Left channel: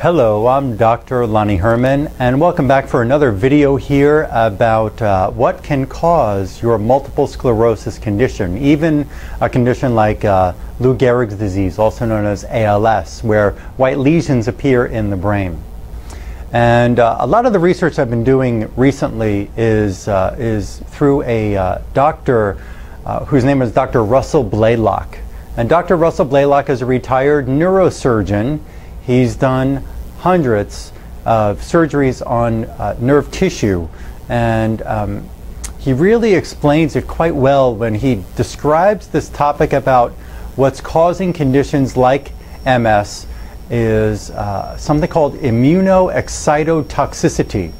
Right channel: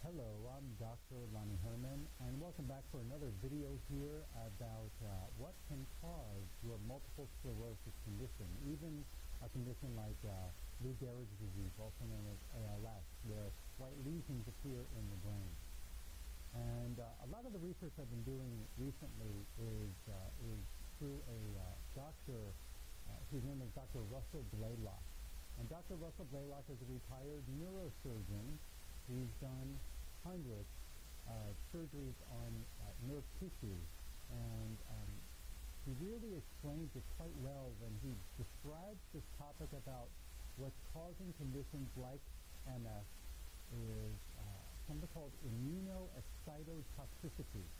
Hello, I'm Dr. Lonnie Herman, and welcome back for another video here about what can cause your multiple sclerosis condition, even a condition like Lou Gehrig's disease, also known as ALS, where white lesions appear in the brain. And a lot of the research I've been doing recently is through a doctor whose name is Dr. Russell Blaylock. And Dr. Russell Blaylock is a retired neurosurgeon. He's done hundreds of surgeries on nerve tissue, and he really explains it quite well when he describes this topic about what's causing conditions like MS is something called immunoexcitotoxicity.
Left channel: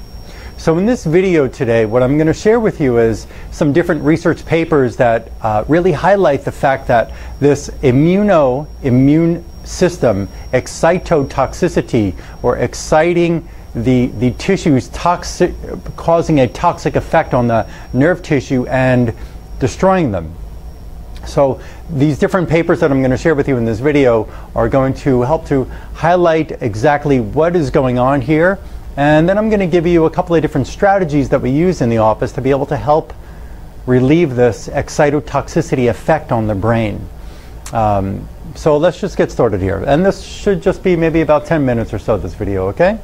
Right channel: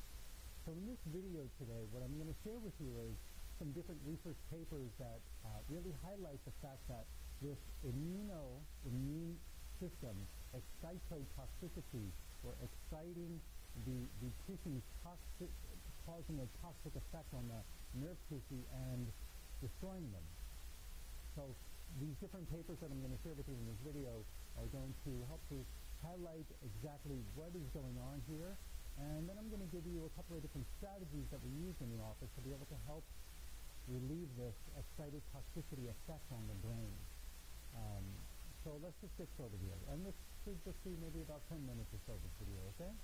So in this video today, what I'm going to share with you is some different research papers that really highlight the fact that this immune system excitotoxicity, or exciting the tissues, causing a toxic effect on the nerve tissue and destroying them. So these different papers that I'm going to share with you in this video are going to help to highlight exactly what is going on here. And then I'm going to give you a couple of different strategies that we use in the office to be able to help relieve this excitotoxicity effect on the brain. So let's just get started here. And this should just be maybe about 10 minutes or so, this video, okay?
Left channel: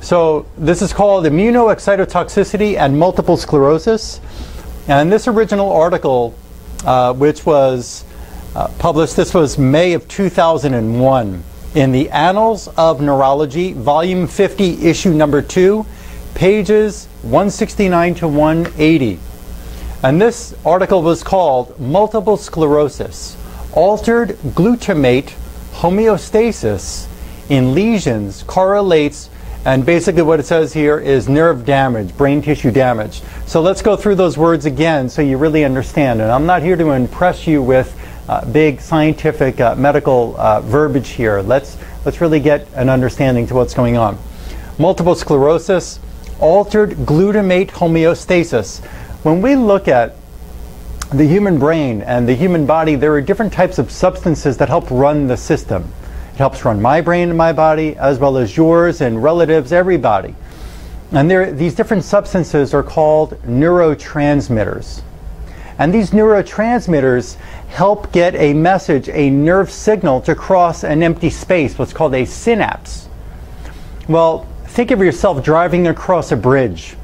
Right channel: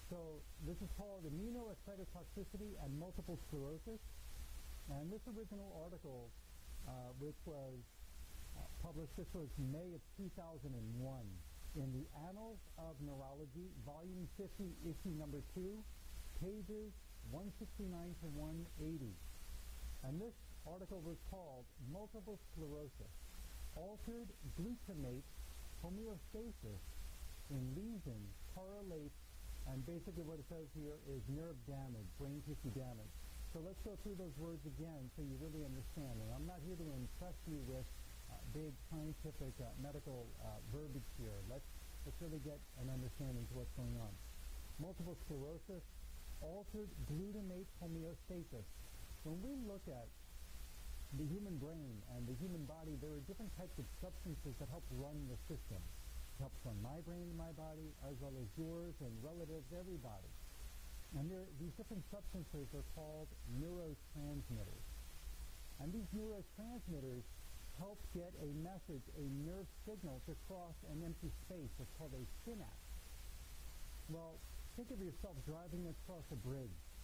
So this is called Immunoexcitotoxicity and Multiple Sclerosis. And this original article, which was published, this was May of 2001, in the Annals of Neurology, Volume 50, Issue number 2, pages 169 to 180. And this article was called Multiple Sclerosis: Altered Glutamate Homeostasis in Lesions Correlates, and basically what it says here is nerve damage, brain tissue damage. So let's go through those words again so you really understand. And I'm not here to impress you with big scientific medical verbiage here. Let's really get an understanding to what's going on. Multiple sclerosis, altered glutamate homeostasis. When we look at the human brain and the human body, there are different types of substances that help run the system. It helps run my brain and my body, as well as yours and relatives, everybody. And these different substances are called neurotransmitters. And these neurotransmitters help get a message, a nerve signal, to cross an empty space, what's called a synapse. Well, think of yourself driving across a bridge.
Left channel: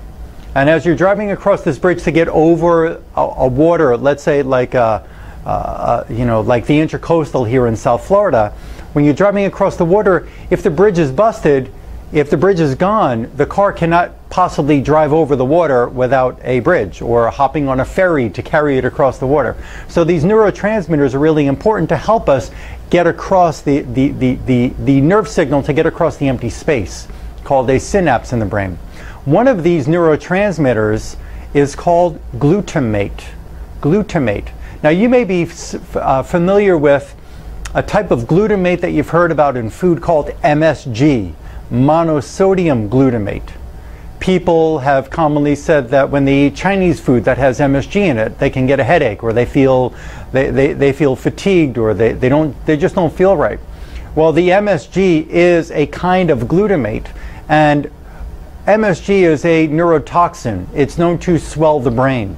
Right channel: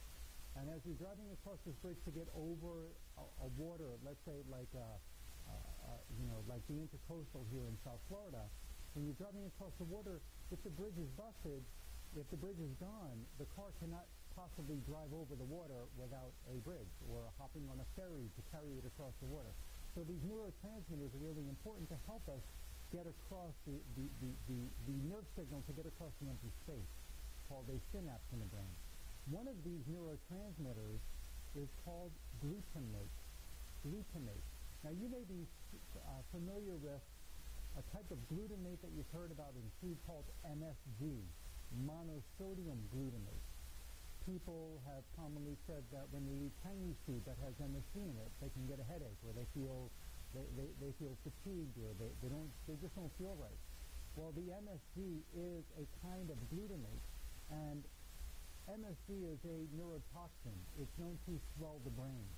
And as you're driving across this bridge to get over a water, let's say like like the Intercoastal here in South Florida, when you're driving across the water, if the bridge is busted, if the bridge is gone, the car cannot possibly drive over the water without a bridge or hopping on a ferry to carry it across the water. So these neurotransmitters are really important to help us get across the nerve signal to get across the empty space, called a synapse in the brain. One of these neurotransmitters is called glutamate. Glutamate. Now you may be familiar with a type of glutamate that you've heard about in food called MSG, monosodium glutamate. People have commonly said that when they eat Chinese food that has MSG in it, they can get a headache, or they feel fatigued, or they just don't feel right. Well, the MSG is a kind of glutamate, and MSG is a neurotoxin. It's known to swell the brain.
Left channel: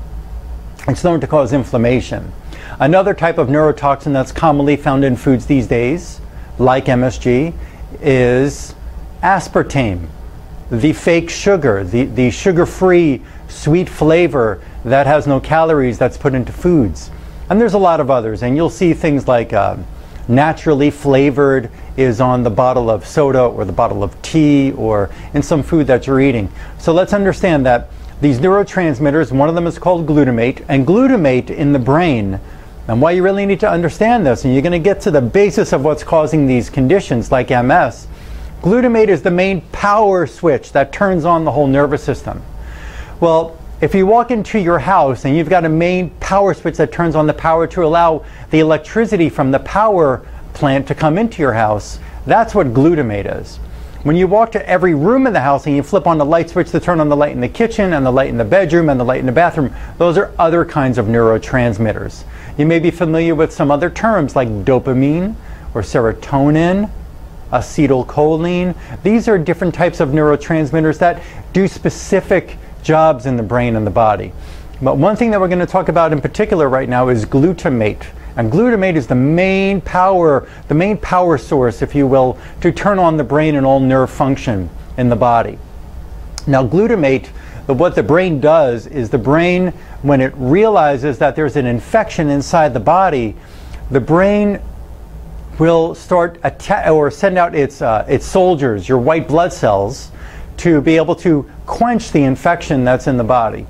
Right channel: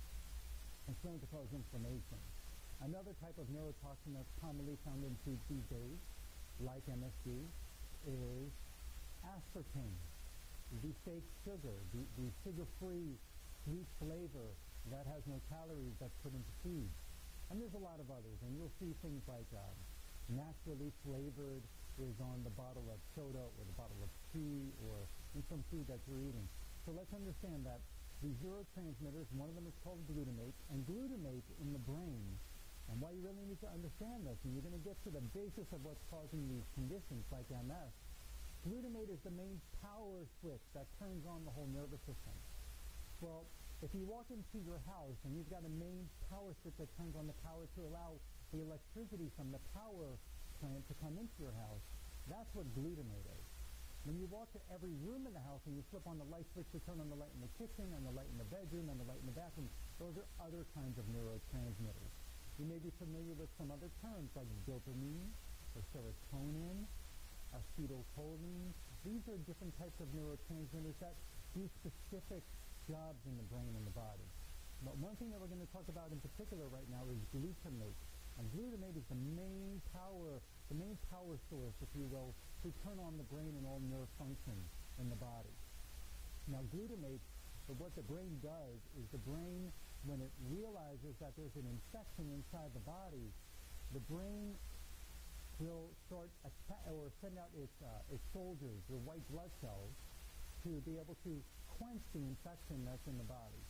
It's known to cause inflammation. Another type of neurotoxin that's commonly found in foods these days, like MSG, is aspartame, the fake sugar, the sugar-free sweet flavor that has no calories that's put into foods. And there's a lot of others, and you'll see things like naturally flavored is on the bottle of soda or the bottle of tea or in some food that you're eating. So let's understand that these neurotransmitters, one of them is called glutamate, and glutamate in the brain, and why you really need to understand this, and you're going to get to the basis of what's causing these conditions like MS. Glutamate is the main power switch that turns on the whole nervous system. Well, if you walk into your house and you've got a main power switch that turns on the power to allow the electricity from the power plant to come into your house, that's what glutamate is. When you walk to every room in the house and you flip on the light switch to turn on the light in the kitchen and the light in the bedroom and the light in the bathroom, those are other kinds of neurotransmitters. You may be familiar with some other terms like dopamine or serotonin acetylcholine. These are different types of neurotransmitters that do specific jobs in the brain and the body. But one thing that we're going to talk about in particular right now is glutamate. And glutamate is the main power source, if you will, to turn on the brain and all nerve function in the body. Now glutamate, what the brain does is the brain, when it realizes that there's an infection inside the body, the brain will start or send out its soldiers, your white blood cells, to be able to quench the infection that's in the body.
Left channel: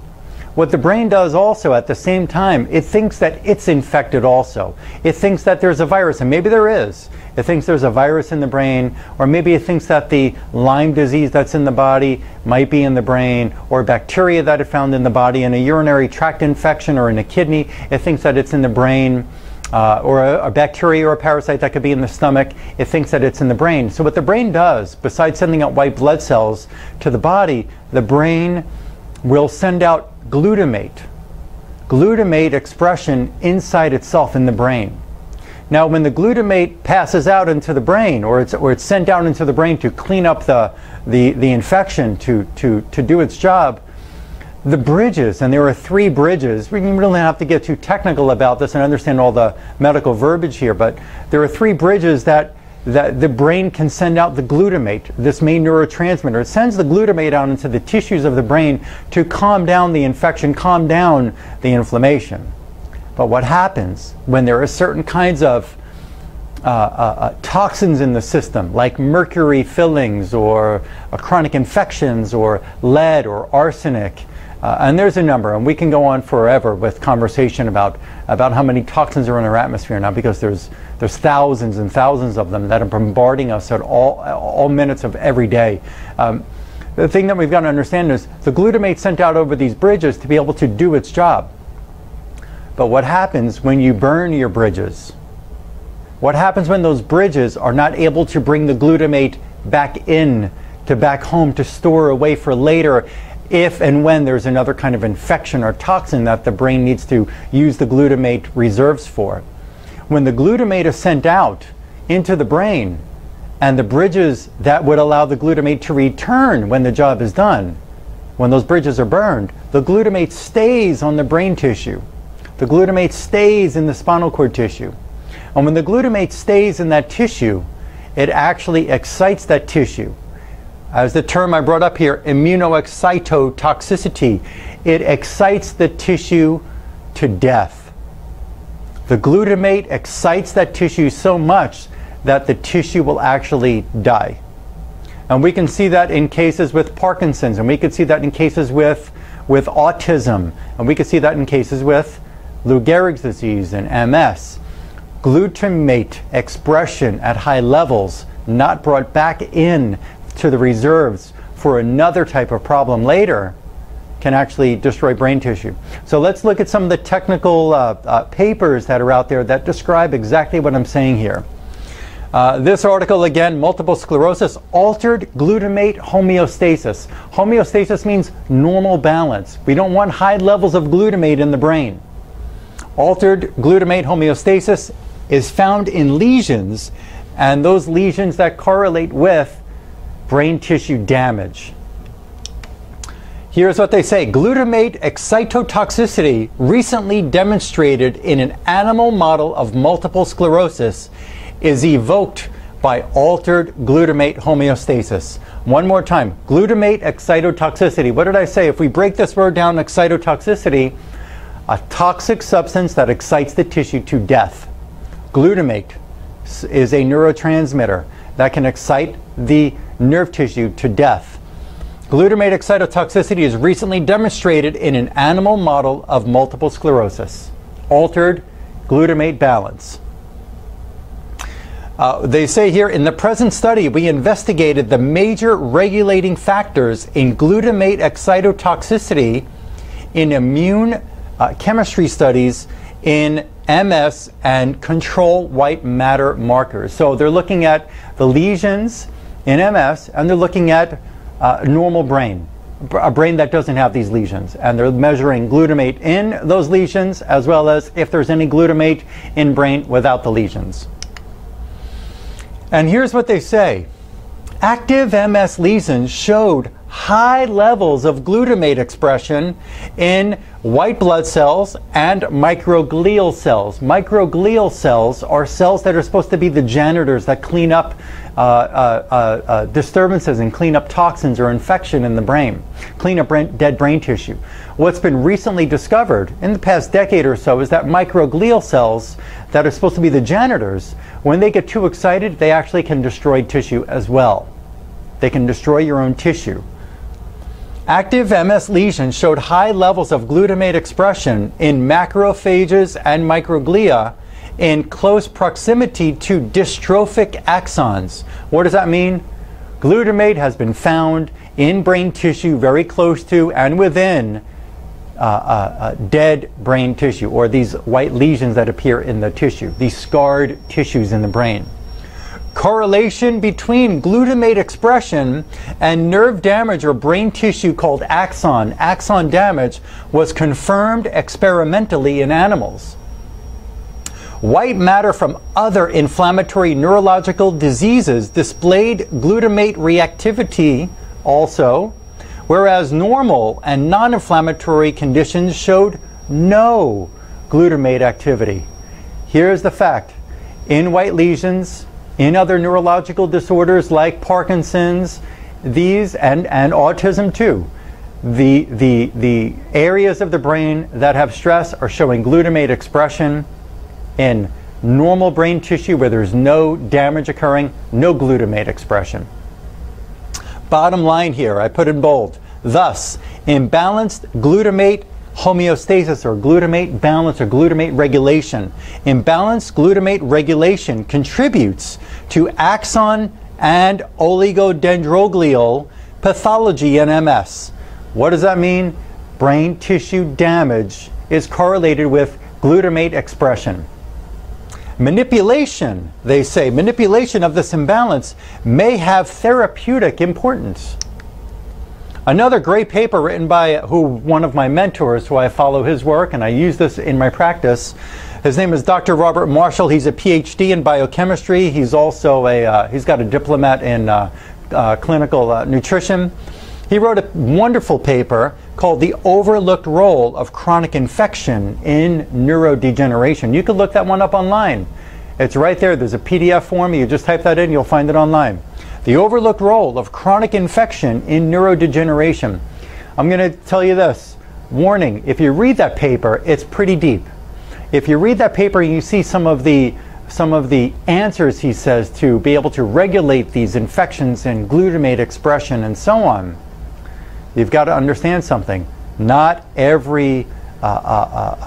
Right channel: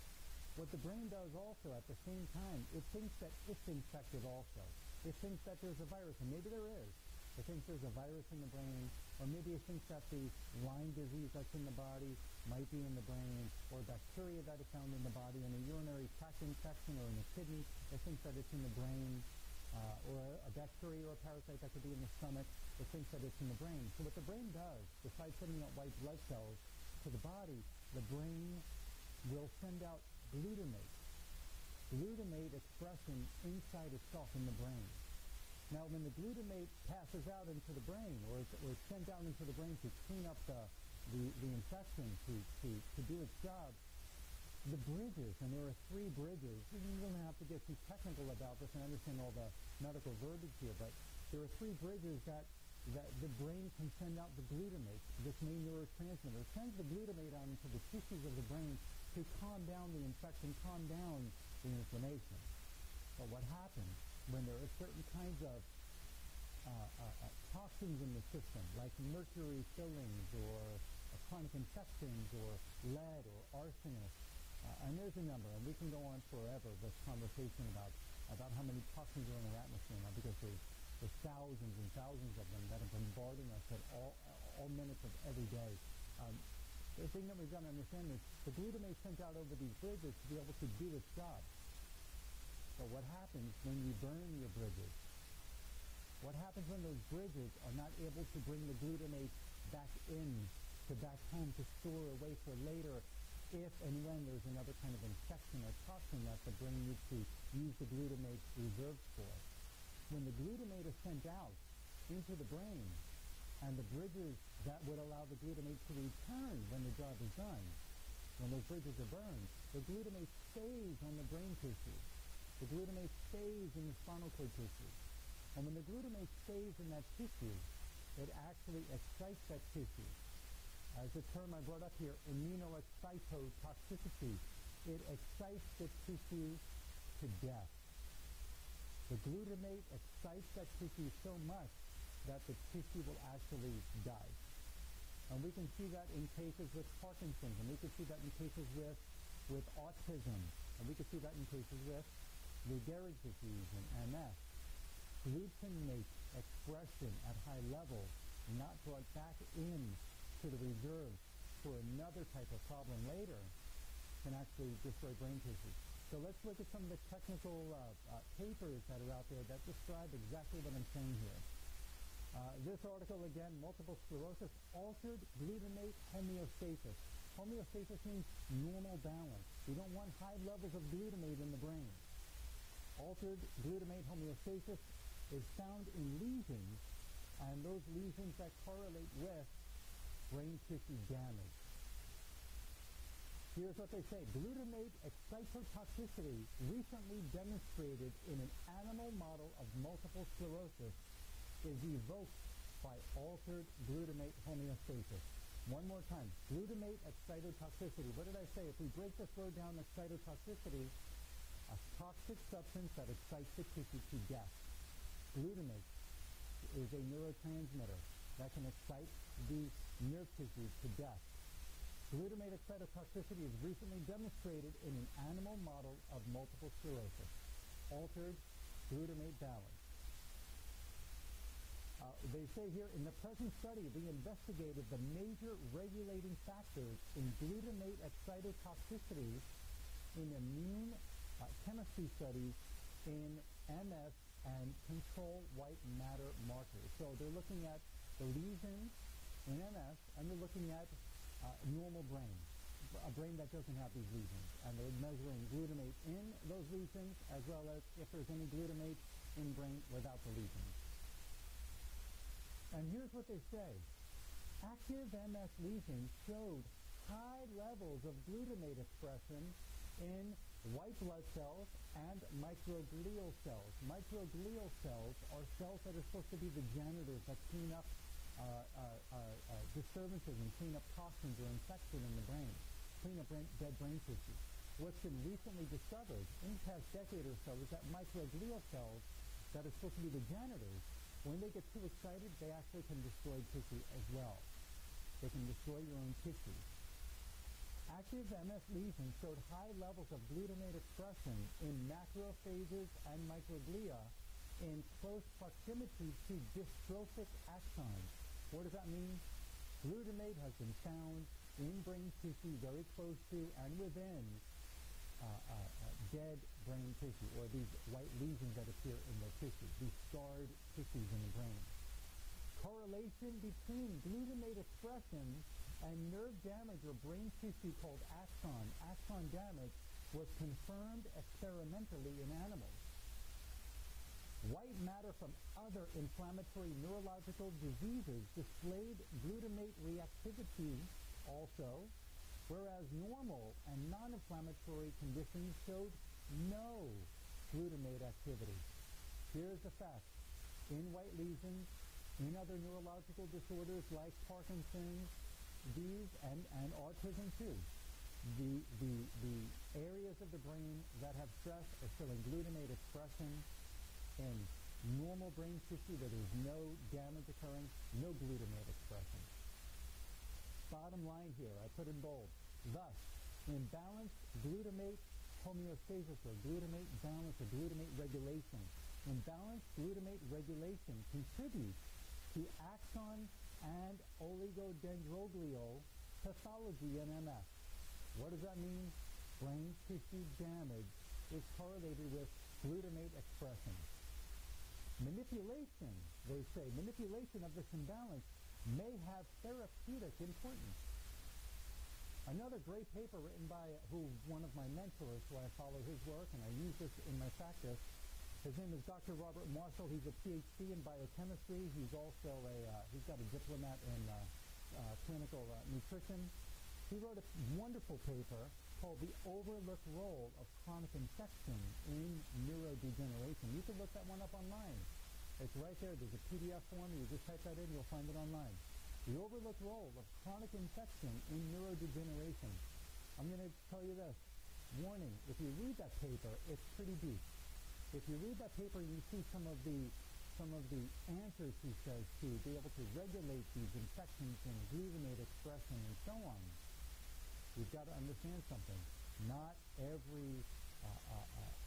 What the brain does also at the same time, it thinks that it's infected also. It thinks that there's a virus, and maybe there is. It thinks there's a virus in the brain, or maybe it thinks that the Lyme disease that's in the body might be in the brain, or bacteria that it found in the body, in a urinary tract infection or in a kidney, it thinks that it's in the brain, or a bacteria or a parasite that could be in the stomach, it thinks that it's in the brain. So what the brain does, besides sending out white blood cells to the body, the brain will send out glutamate expression inside itself in the brain. Now when the glutamate passes out into the brain, or it's sent out into the brain to clean up the infection, to do its job, the bridges, and there are 3 bridges, we don't really have to get too technical about this and understand all the medical verbiage here, but there are 3 bridges that the brain can send out the glutamate, this main neurotransmitter. It sends the glutamate out into the tissues of the brain to calm down the infection, calm down the inflammation. But what happens when there are certain kinds of toxins in the system, like mercury fillings or chronic infections or lead or arsenic, and there's a number, and we can go on forever with conversation about how many toxins are in our atmosphere now, because there's thousands and thousands of them that are bombarding us at all minutes of every day. The thing that we've got to understand is the glutamate sent out over these bridges to be able to do its job. But what happens when you burn your bridges? What happens when those bridges are not able to bring the glutamate back home to store away for later, if and when there's another kind of infection or toxin that the brain needs to use the glutamate reserves for? When the glutamate is sent out into the brain, and the bridges that would allow the glutamate to return when the job is done, when those bridges are burned, the glutamate stays on the brain tissue. The glutamate stays in the spinal cord tissue. And when the glutamate stays in that tissue, it actually excites that tissue. As the term I brought up here, immunoexcitotoxicity, it excites the tissue to death. The glutamate excites that tissue so much that the tissue will actually die. And we can see that in cases with Parkinsons, and we could see that in cases with autism, and we could see that in cases with Lou Gehrig's disease and MS. Glutamate expression at high levels, not brought back in to the reserves for another type of problem later, can actually destroy brain tissue. So let's look at some of the technical papers that are out there that describe exactly what I'm saying here. This article, again, multiple sclerosis, altered glutamate homeostasis. Homeostasis means normal balance. We don't want high levels of glutamate in the brain. Altered glutamate homeostasis is found in lesions, and those lesions that correlate with brain tissue damage. Here's what they say. Glutamate excitotoxicity recently demonstrated in an animal model of multiple sclerosis is evoked by altered glutamate homeostasis. One more time. Glutamate excitotoxicity. What did I say? If we break this word down, excitotoxicity, a toxic substance that excites the tissue to death. Glutamate is a neurotransmitter that can excite the nerve tissue to death. Glutamate excitotoxicity is recently demonstrated in an animal model of multiple sclerosis. Altered glutamate balance. They say here, in the present study, we investigated the major regulating factors in glutamate excitotoxicity in immune chemistry studies in MS and control white matter markers. So they're looking at the lesions in MS, and they're looking at normal brain, a brain that doesn't have these lesions. And they're measuring glutamate in those lesions, as well as if there's any glutamate in brain without the lesions. And here's what they say. Active MS lesions showed high levels of glutamate expression in white blood cells and microglial cells. Microglial cells are cells that are supposed to be the janitors that clean up disturbances and clean up toxins or infection in the brain, clean up dead brain tissue. What's been recently discovered in the past decade or so is that microglial cells that are supposed to be the janitors, when they get too excited, they actually can destroy tissue as well. They can destroy your own tissue. Active MS lesions showed high levels of glutamate expression in macrophages and microglia in close proximity to dystrophic axons. What does that mean? Glutamate has been found in brain tissue very close to and within dead brain tissue, or these white lesions that appear in the tissue, these scarred tissues in the brain. Correlation between glutamate expression and nerve damage or brain tissue called axon damage was confirmed experimentally in animals. White matter from other inflammatory neurological diseases displayed glutamate reactivity also, whereas normal and non-inflammatory conditions showed no glutamate activity. Here's the fact. In white lesions, in other neurological disorders like Parkinson's, these and autism too, the areas of the brain that have stress are showing glutamate expression. In normal brain tissue where there's no damage occurring, no glutamate expression. Bottom line here, I put in bold. Thus, imbalanced glutamate homeostasis or glutamate balance or glutamate regulation. Imbalanced glutamate regulation contributes to axon and oligodendroglial pathology in MS. What does that mean? Brain tissue damage is correlated with glutamate expression. Manipulation, they say, manipulation of this imbalance may have therapeutic importance. Another great paper written by one of my mentors, who I follow his work, and I use this in my practice. His name is Dr. Robert Marshall. He's a PhD in biochemistry. He's also he's got a diplomat in clinical nutrition. He wrote a wonderful paper called The Overlooked Role of Chronic Infection in Neurodegeneration. You can look that one up online. It's right there. There's a PDF form. You just type that in, you'll find it online. The Overlooked Role of Chronic Infection in Neurodegeneration. I'm going to tell you this. Warning, if you read that paper, it's pretty deep. If you read that paper and you see some of the answers he says to be able to regulate these infections and glutamate expression and so on, you've got to understand something. Not every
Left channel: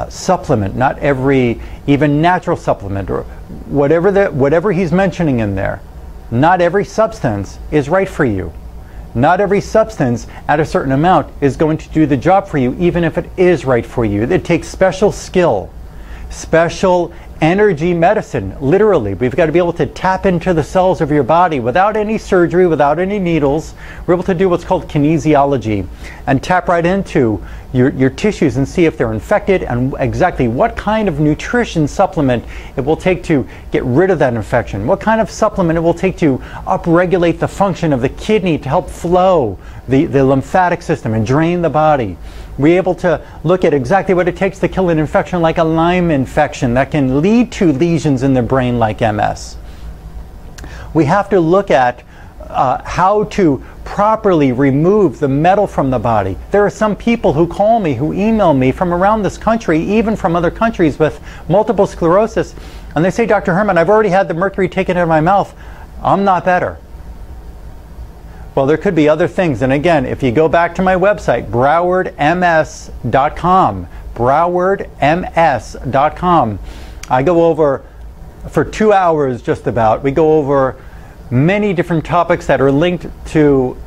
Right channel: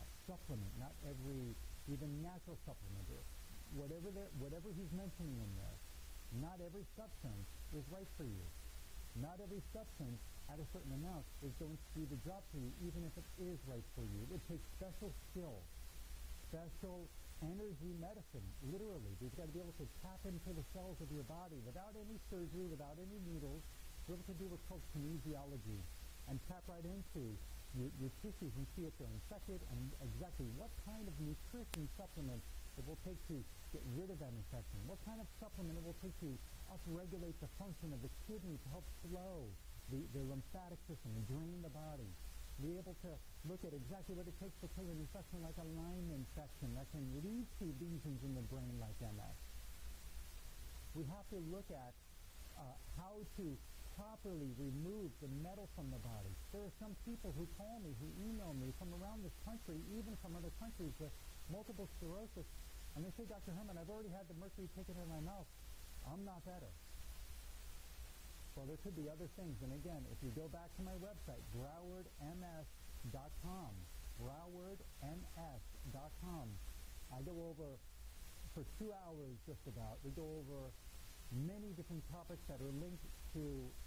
supplement, not every even natural supplement or whatever he's mentioning in there, not every substance is right for you. Not every substance at a certain amount is going to do the job for you, even if it is right for you. It takes special skill, special energy medicine, literally. We've got to be able to tap into the cells of your body without any surgery, without any needles. We're able to do what's called kinesiology and tap right into your tissues and see if they're infected and exactly what kind of nutrition supplement it will take to get rid of that infection, what kind of supplement it will take to upregulate the function of the kidney to help flow the lymphatic system and drain the body. We're able to look at exactly what it takes to kill an infection like a Lyme infection that can lead to lesions in the brain like MS. We have to look at how to properly remove the metal from the body. There are some people who call me, who email me from around this country, even from other countries with multiple sclerosis, and they say, Dr. Herman, I've already had the mercury taken out of my mouth. I'm not better. Well, there could be other things. And again, if you go back to my website, browardms.com, browardms.com, I go over, for 2 hours just about, we go over many different topics that are linked to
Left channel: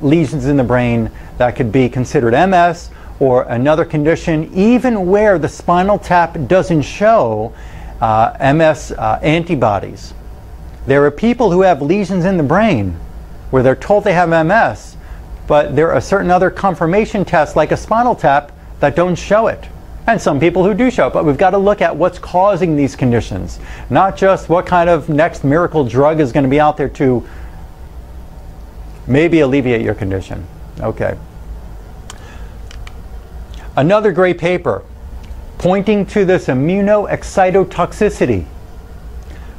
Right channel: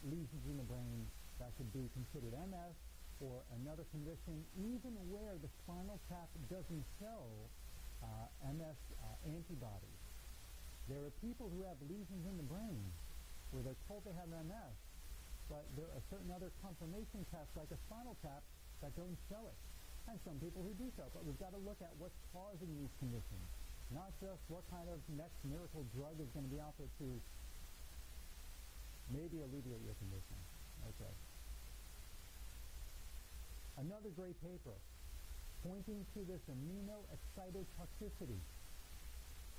lesions in the brain that could be considered MS or another condition, even where the spinal tap doesn't show MS antibodies. There are people who have lesions in the brain where they're told they have MS, but there are certain other confirmation tests like a spinal tap that don't show it. and some people who do show up. But we've got to look at what's causing these conditions, not just what kind of next miracle drug is going to be out there to maybe alleviate your condition. Okay. Another great paper pointing to this immunoexcitotoxicity.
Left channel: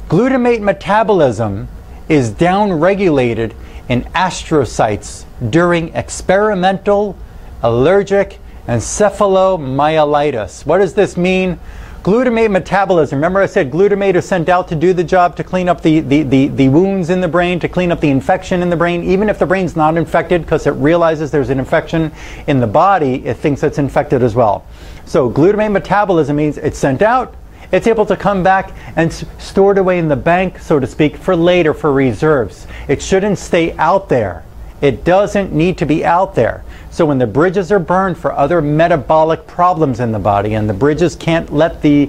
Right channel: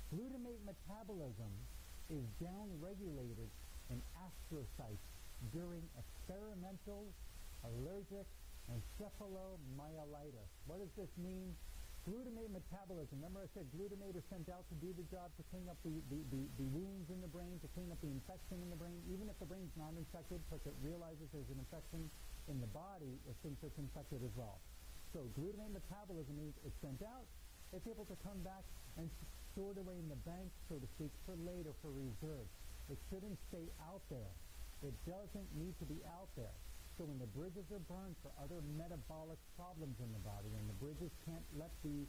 Glutamate metabolism is downregulated in astrocytes during experimental allergic encephalomyelitis. What does this mean? Glutamate metabolism. Remember I said glutamate is sent out to do the job, to clean up the wounds in the brain, to clean up the infection in the brain. Even if the brain's not infected, because it realizes there's an infection in the body, it thinks it's infected as well. So glutamate metabolism means it's sent out, it's able to come back and stored away in the bank, so to speak, for later, for reserves. It shouldn't stay out there. It doesn't need to be out there. So when the bridges are burned for other metabolic problems in the body, and the bridges can't let the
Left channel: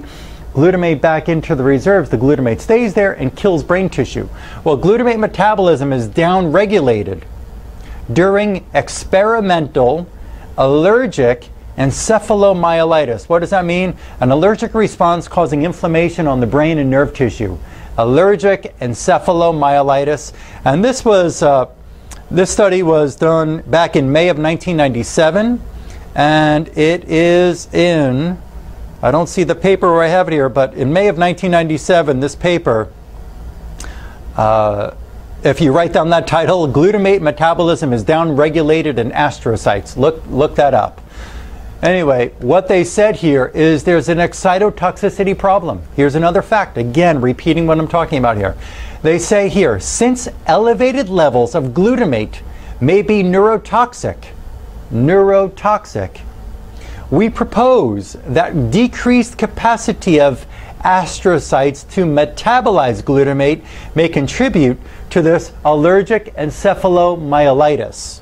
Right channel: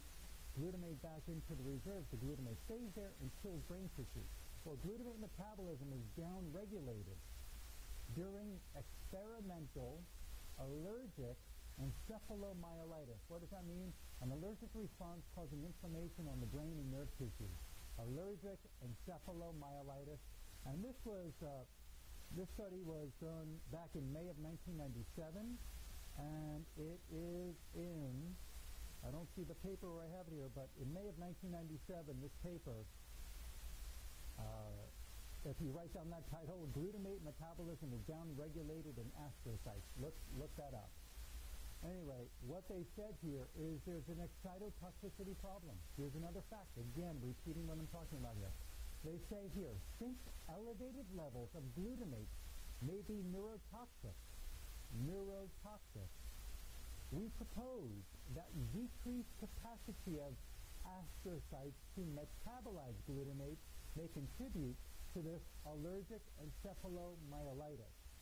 glutamate back into the reserves, the glutamate stays there and kills brain tissue. Well, glutamate metabolism is downregulated during experimental allergic encephalomyelitis. What does that mean? An allergic response causing inflammation on the brain and nerve tissue. Allergic encephalomyelitis. And this study was done back in May of 1997, and it is in, I don't see the paper where I have it here, but in May of 1997, this paper, if you write down that title, Glutamate Metabolism is Downregulated in Astrocytes. Look that up. Anyway, what they said here is there's an excitotoxicity problem. Here's another fact, again, repeating what I'm talking about here. They say here, since elevated levels of glutamate may be neurotoxic, we propose that decreased capacity of astrocytes to metabolize glutamate may contribute to this allergic encephalomyelitis.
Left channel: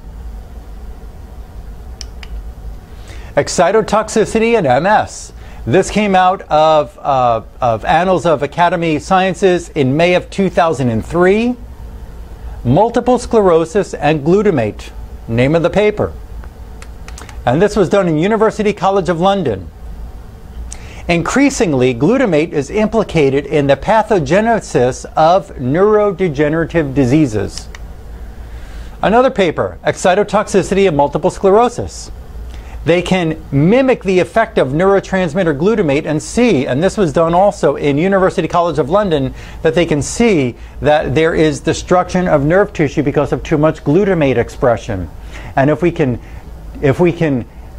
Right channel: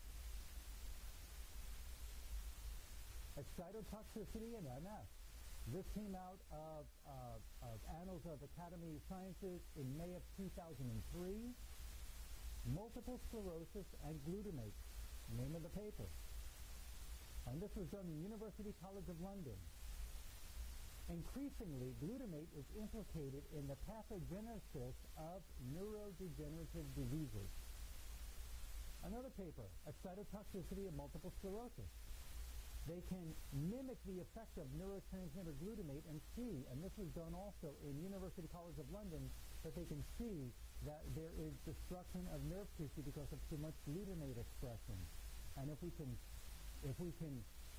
Excitotoxicity and MS. This came out of Annals of Academy Sciences in May of 2003. Multiple sclerosis and glutamate, name of the paper. And this was done in University College of London. Increasingly, glutamate is implicated in the pathogenesis of neurodegenerative diseases. Another paper, Excitotoxicity and Multiple Sclerosis. They can mimic the effect of neurotransmitter glutamate and see, and this was done also in University College of London, that they can see that there is destruction of nerve tissue because of too much glutamate expression. And if we can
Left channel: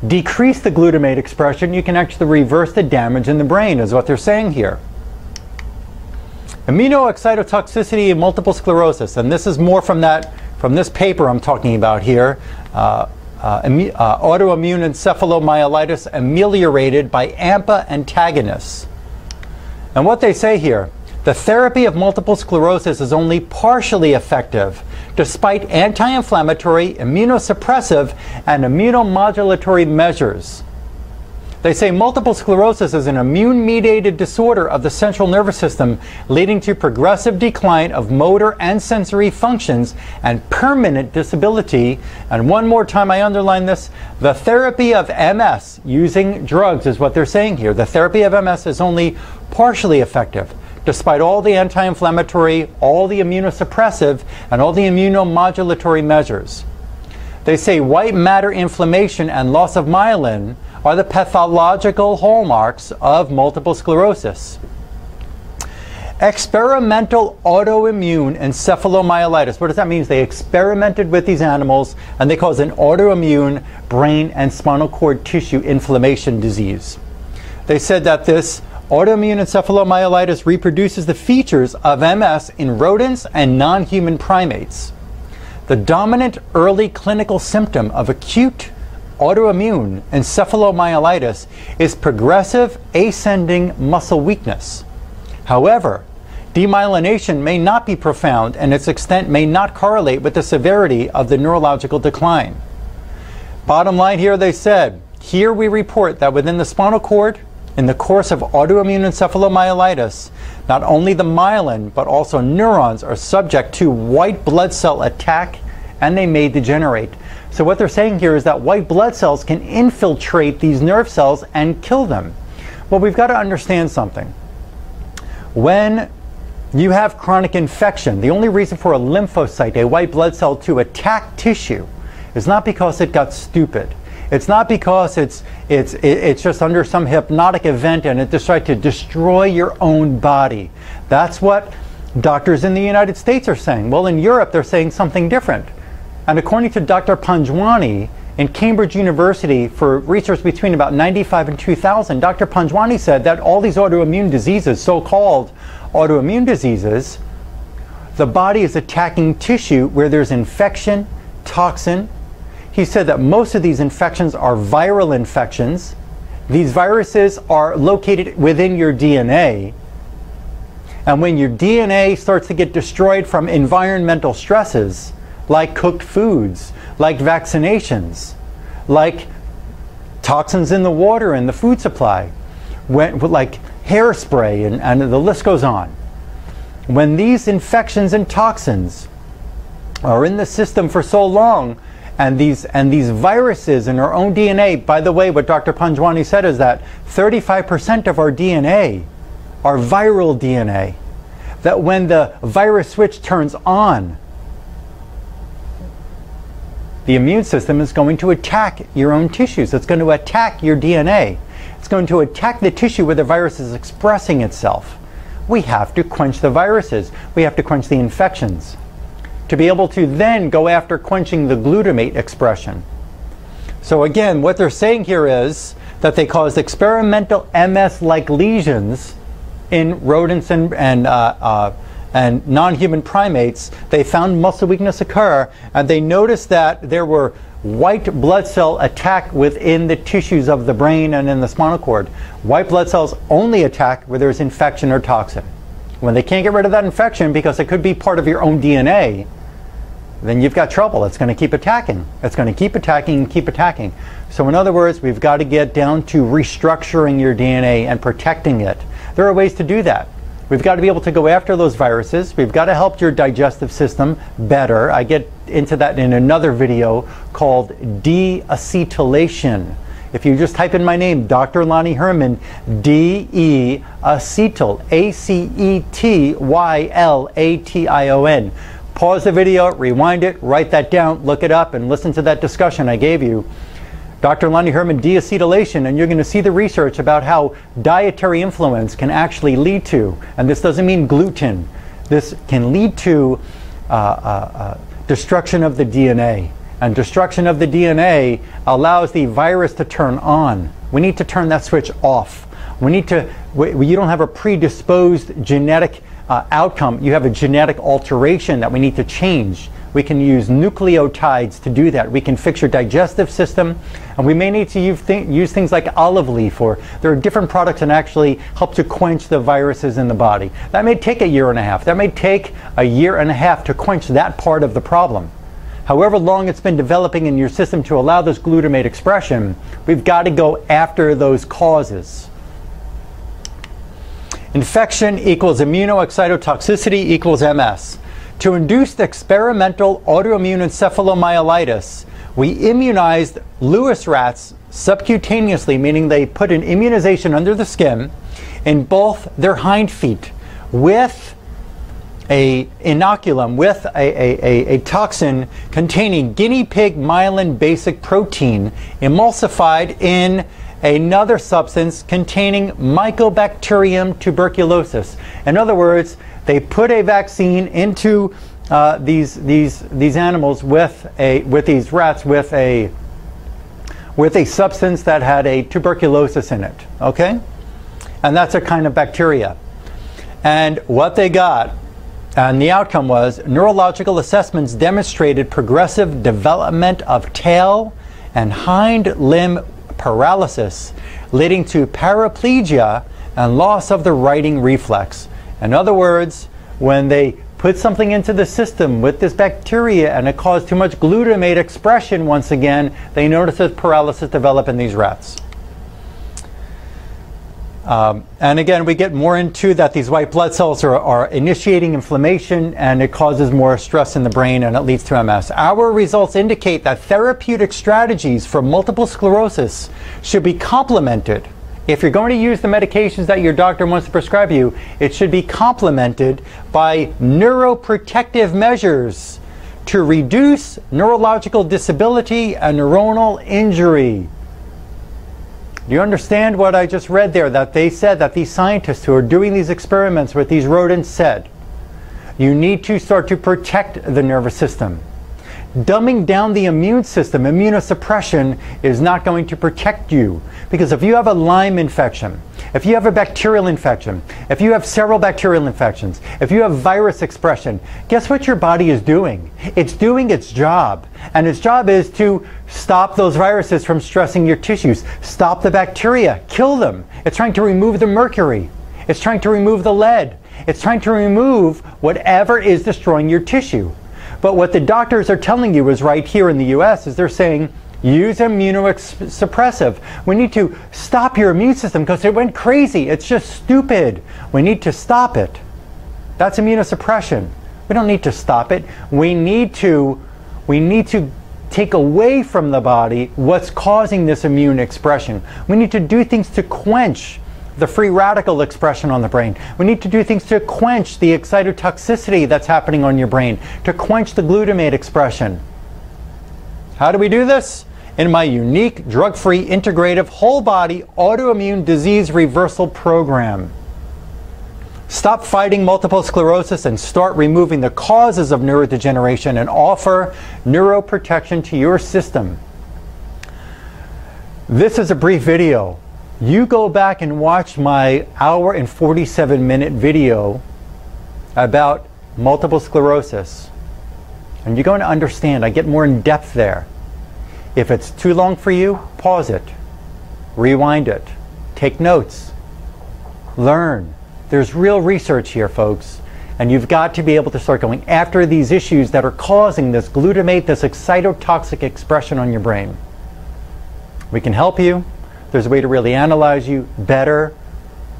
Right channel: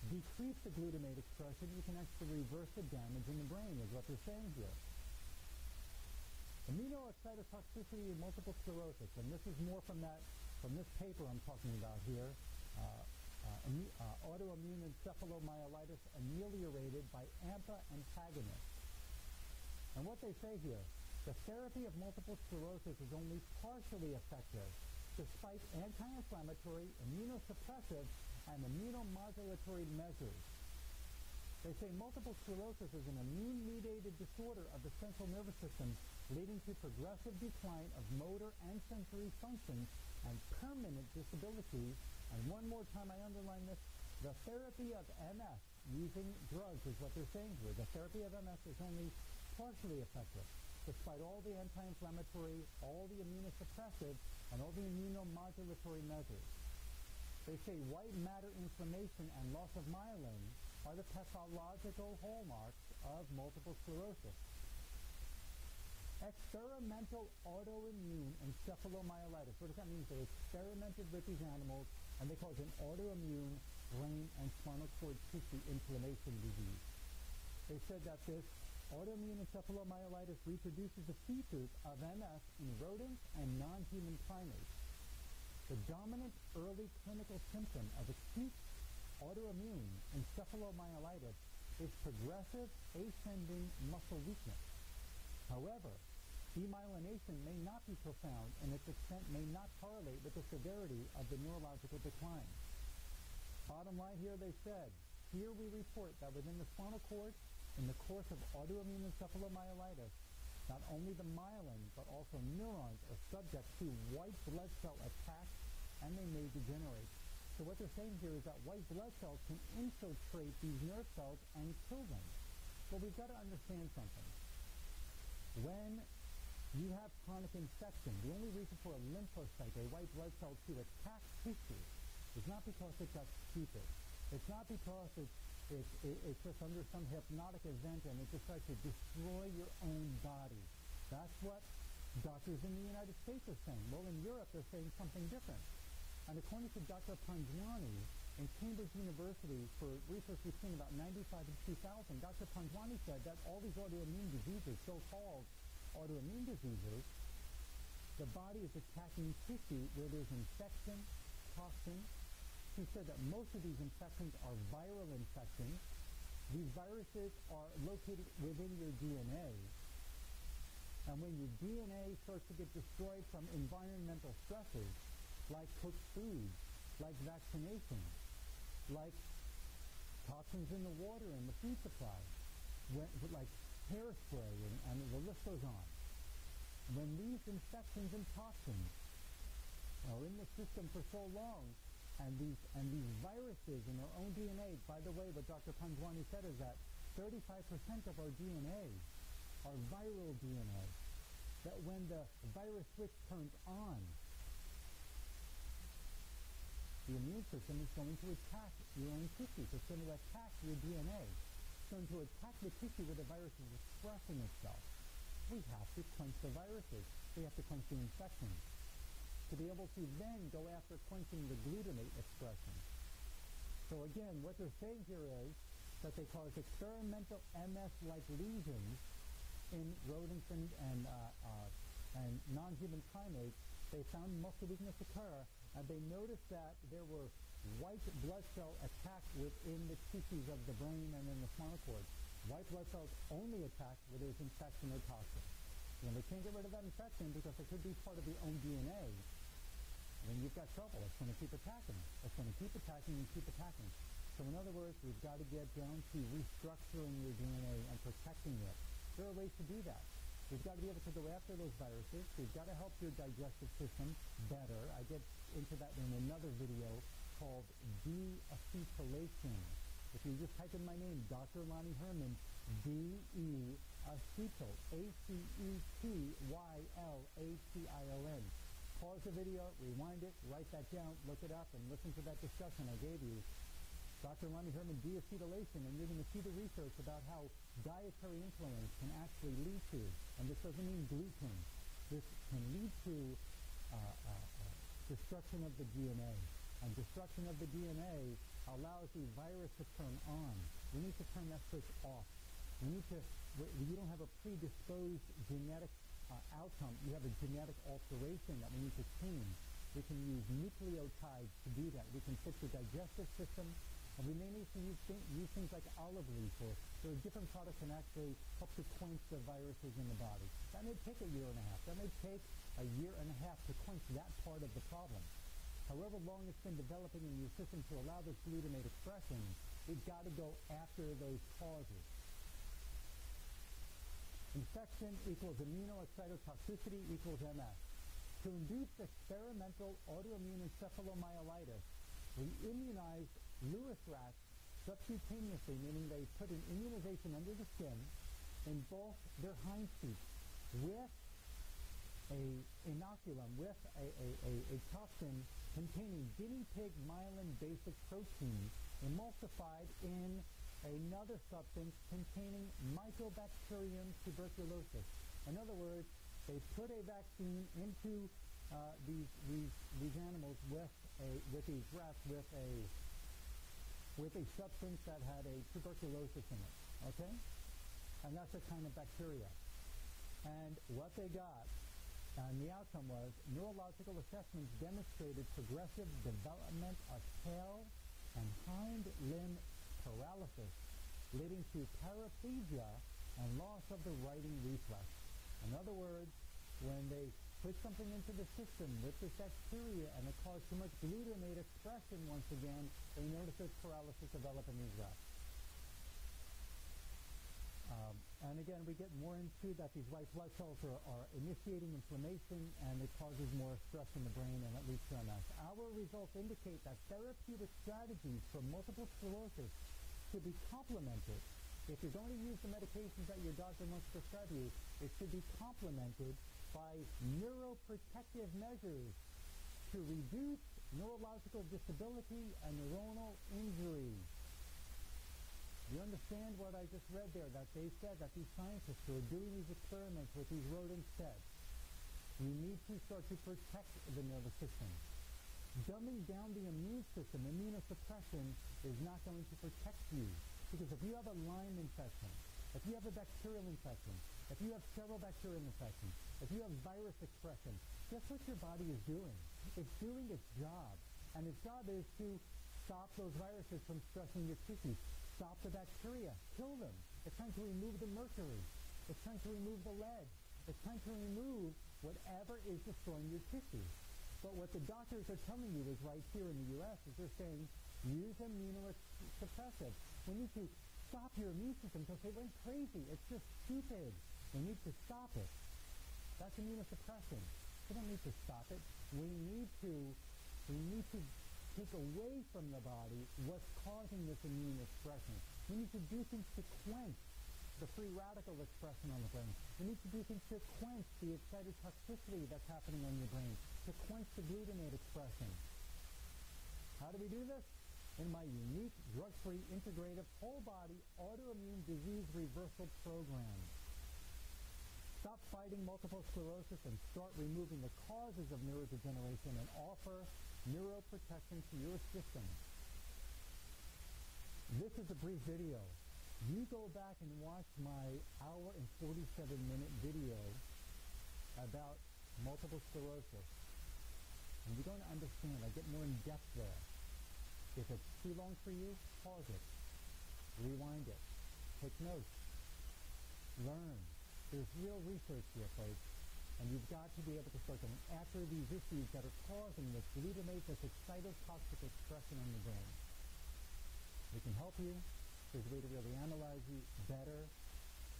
decrease the glutamate expression, you can actually reverse the damage in the brain, is what they're saying here. Immunoexcitotoxicity and multiple sclerosis, and this is more from this paper I'm talking about here. Autoimmune encephalomyelitis ameliorated by AMPA antagonists. And what they say here, the therapy of multiple sclerosis is only partially effective despite anti-inflammatory, immunosuppressive, and immunomodulatory measures. They say multiple sclerosis is an immune-mediated disorder of the central nervous system leading to progressive decline of motor and sensory functions and permanent disability. And one more time, I underline this, the therapy of MS using drugs is what they're saying here. The therapy of MS is only partially effective despite all the anti-inflammatory, all the immunosuppressive, and all the immunomodulatory measures. They say white matter inflammation and loss of myelin are the pathological hallmarks of multiple sclerosis. Experimental autoimmune encephalomyelitis. What does that mean? They experimented with these animals and they caused an autoimmune brain and spinal cord tissue inflammation disease. They said that this autoimmune encephalomyelitis reproduces the features of MS in rodents and non-human primates. The dominant early clinical symptom of acute autoimmune encephalomyelitis is progressive ascending muscle weakness. However, demyelination may not be profound and its extent may not correlate with the severity of the neurological decline. Bottom line here, they said, here we report that within the spinal cord, in the course of autoimmune encephalomyelitis, not only the myelin but also neurons are subject to white blood cell attack and they may degenerate. So what they're saying here is that white blood cells can infiltrate these nerve cells and kill them. Well, we've got to understand something. When you have chronic infection, the only reason for a lymphocyte, a white blood cell, to attack tissue is not because it got stupid. It's not because it's just under some hypnotic event and it decided to destroy your own body. That's what doctors in the United States are saying. Well, in Europe, they're saying something different. And according to Dr. Panjwani in Cambridge University, for research between about 95 and 2000, Dr. Panjwani said that all these autoimmune diseases, so-called autoimmune diseases, the body is attacking tissue where there's infection, toxin. He said that most of these infections are viral infections. These viruses are located within your DNA. And when your DNA starts to get destroyed from environmental stresses, like cooked foods, like vaccinations, like toxins in the water and the food supply, like hairspray, and the list goes on. When these infections and toxins are in the system for so long, and these viruses in our own DNA, by the way, what Dr. Panjwani said is that 35% of our DNA are viral DNA. That when the virus switch turns on, the immune system is going to attack your own tissues. It's going to attack your DNA. It's going to attack the tissue where the virus is expressing itself. We have to quench the viruses. We have to quench the infections to be able to then go after quenching the glutamate expression. So again, what they're saying here is that they caused experimental MS-like lesions in rodents and non-human primates. They found muscle weakness occur, and they noticed that there were white blood cell attack within the tissues of the brain and in the spinal cord. White blood cells only attack where there's infection or toxin. When they can't get rid of that infection because it could be part of your own DNA, then you've got trouble. It's going to keep attacking. It's going to keep attacking and keep attacking. So in other words, we've got to get down to restructuring your DNA and protecting it. There are ways to do that. We've got to be able to go after those viruses. We've got to help your digestive system better. I get into that in another video called de-acetylation. If you just type in my name, Dr. Lonnie Herman, D-E-acetyl, A-C-E-T-Y-L-A-T-I-O-N. Pause the video, rewind it, write that down, look it up, and listen to that discussion I gave you. Dr. Lonnie Herman, de-acetylation, and you're going to see the research about how dietary influence can actually lead to, and this doesn't mean gluten, this can lead to destruction of the DNA. And destruction of the DNA allows the virus to turn on. We need to turn that switch off. We need to, you don't have a predisposed genetic outcome, you have a genetic alteration that we need to change. We can use nucleotides to do that. We can fix your digestive system, and we may need to use things like olive leaf, or there are different products that actually help to quench the viruses in the body. That may take a year and a half. That may take a year and a half to quench that part of the problem. However long it's been developing in your system to allow this glutamate expression, we've got to go after those causes. Infection equals immunoexcitotoxicity equals MS. To induce experimental autoimmune encephalomyelitis, we immunized Lewis rats subcutaneously, meaning they put an immunization under the skin in both their hind feet with a inoculum, with a toxin containing guinea pig myelin basic protein emulsified in another substance containing Mycobacterium tuberculosis. In other words, they put a vaccine into these animals with these rats with a substance that had a tuberculosis in it. Okay, and that's a kind of bacteria. And what they got, and the outcome was, neurological assessments demonstrated progressive development of tail and hind limb paralysis, leading to paraplegia and loss of the writing reflex. In other words, when they put something into the system with this bacteria and it caused too much glutamate expression once again, they noticed that paralysis developed in these rats. And again, we get more into that these white blood cells are initiating inflammation, and it causes more stress in the brain, and it leads to MS. Our results indicate that therapeutic strategies for multiple sclerosis should be complemented. If you're going to use the medications that your doctor wants to prescribe you, it should be complemented by neuroprotective measures to reduce neurological disability and neuronal injury. Do you understand what I just read there? That they said that these scientists who are doing these experiments with these rodents said, you need to start to protect the nervous system. Dumbing down the immune system, immunosuppression, is not going to protect you. Because if you have a Lyme infection, if you have a bacterial infection, if you have several bacterial infections, if you have virus expression, guess what your body is doing? It's doing its job. And its job is to stop those viruses from stressing your tissues, stop the bacteria, kill them. It's trying to remove the mercury. It's trying to remove the lead. It's trying to remove whatever is destroying your tissue. But what the doctors are telling you is right here in the US is they're saying, use immunosuppressive. We need to stop your immune system because it went crazy. It's just stupid. We need to stop it. That's immunosuppression. We don't need to stop it. We need to take away from the body what's causing this immune expression. We need to do things to quench the free radical expression on the brain. We need to do things to quench the excitotoxicity that's happening on your brain, to quench the glutamate expression. How do we do this? In my unique, drug-free, integrative, whole-body autoimmune disease reversal program. Stop fighting multiple sclerosis and start removing the causes of neurodegeneration and offer neuroprotection to your system. This is a brief video. You go back and watch my hour and 47-minute video about multiple sclerosis, and you're going to understand. I get more in depth there. If it's too long for you, pause it, rewind it, take notes, learn. There's real research here, folks, and you've got to be able to start going after these issues that are causing this glutamate, this excitotoxic expression on your brain. We can help you. There's a way to really analyze you better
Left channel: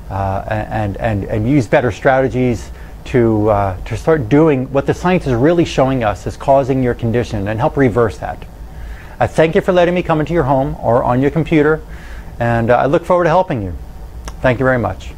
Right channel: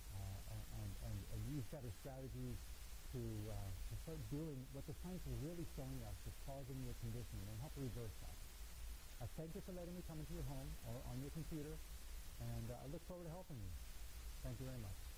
and use better strategies to start doing what the science is really showing us is causing your condition and help reverse that. I thank you for letting me come into your home or on your computer, and I look forward to helping you. Thank you very much.